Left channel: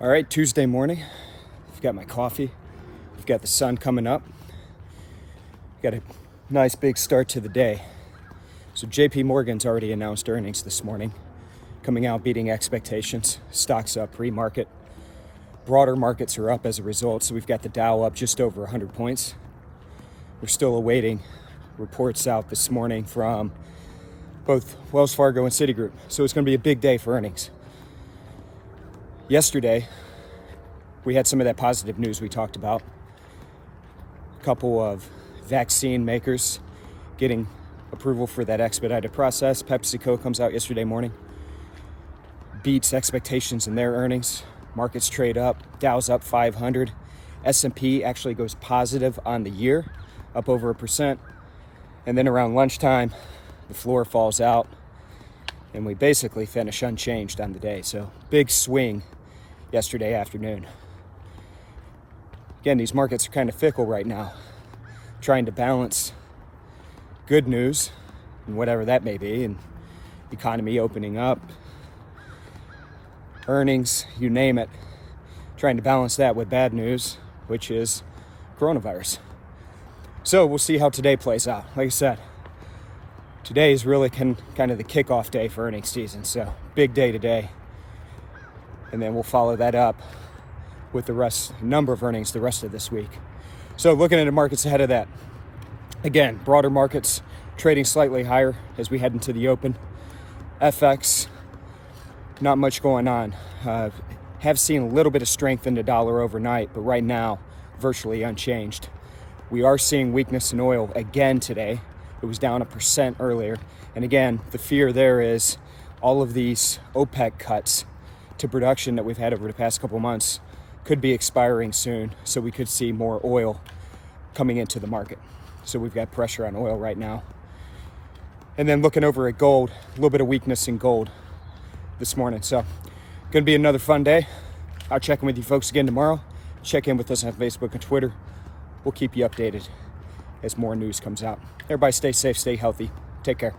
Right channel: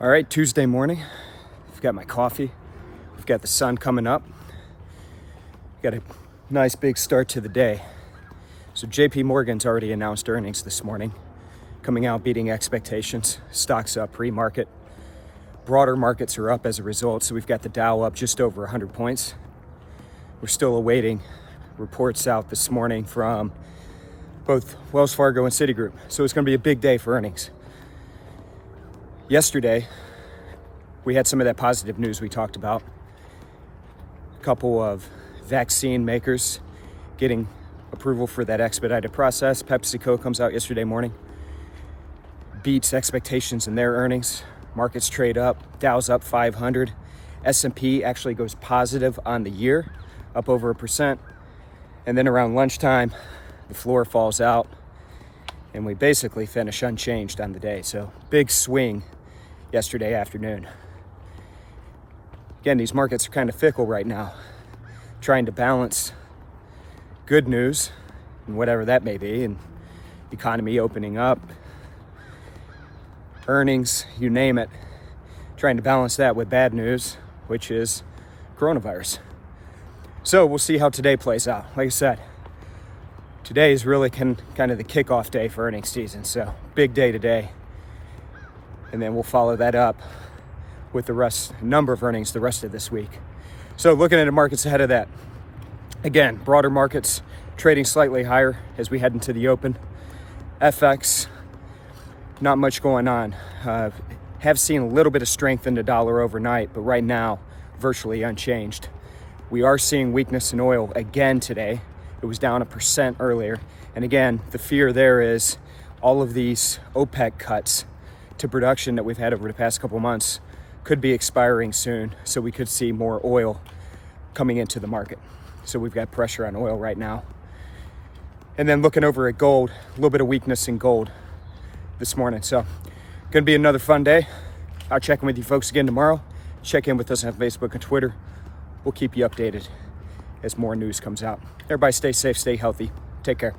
All right, Tuesday morning. I've got my coffee. I've got the sun coming up. Got a nice big start to the day. So JPMorgan's already announced earnings this morning, coming out beating expectations. Stocks up pre-market. Broader markets are up as a result. So we've got the Dow up just over 100 points. We're still awaiting reports out this morning from both Wells Fargo and Citigroup. So it's going to be a big day for earnings. Yesterday, we had some of that positive news we talked about. A couple of vaccine makers getting approval for that expedited process. PepsiCo comes out yesterday morning, beats expectations in their earnings. Markets trade up, Dow's up 500. S&P actually goes positive on the year, up over 1%. And then around lunchtime, the floor falls out, and we basically finish unchanged on the day. So big swing yesterday afternoon. Again, these markets are kind of fickle right now, trying to balance good news, and whatever that may be, and the economy opening up, earnings, you name it, trying to balance that with bad news, which is coronavirus. So we'll see how today plays out. Like I said, today is really kind of the kickoff day for earnings season. So big day today. And then we'll follow that up with the number of earnings the rest of this week. So looking at the markets ahead of that. Again, broader markets trading slightly higher as we head into the open. FX, not much going on. Have seen a little bit of strength in the dollar overnight, but right now, virtually unchanged. We are seeing weakness in oil again today. It was down 1% earlier. And again, the fear there is all of these OPEC cuts to production that we've had over the past couple months could be expiring soon. So we could see more oil coming into the market. So we've got pressure on oil right now. And then looking over at gold, a little bit of weakness in gold this morning. So going to be another fun day. I'll check in with you folks again tomorrow. Check in with us on Facebook and Twitter. We'll keep you updated as more news comes out. Everybody stay safe, stay healthy. Take care.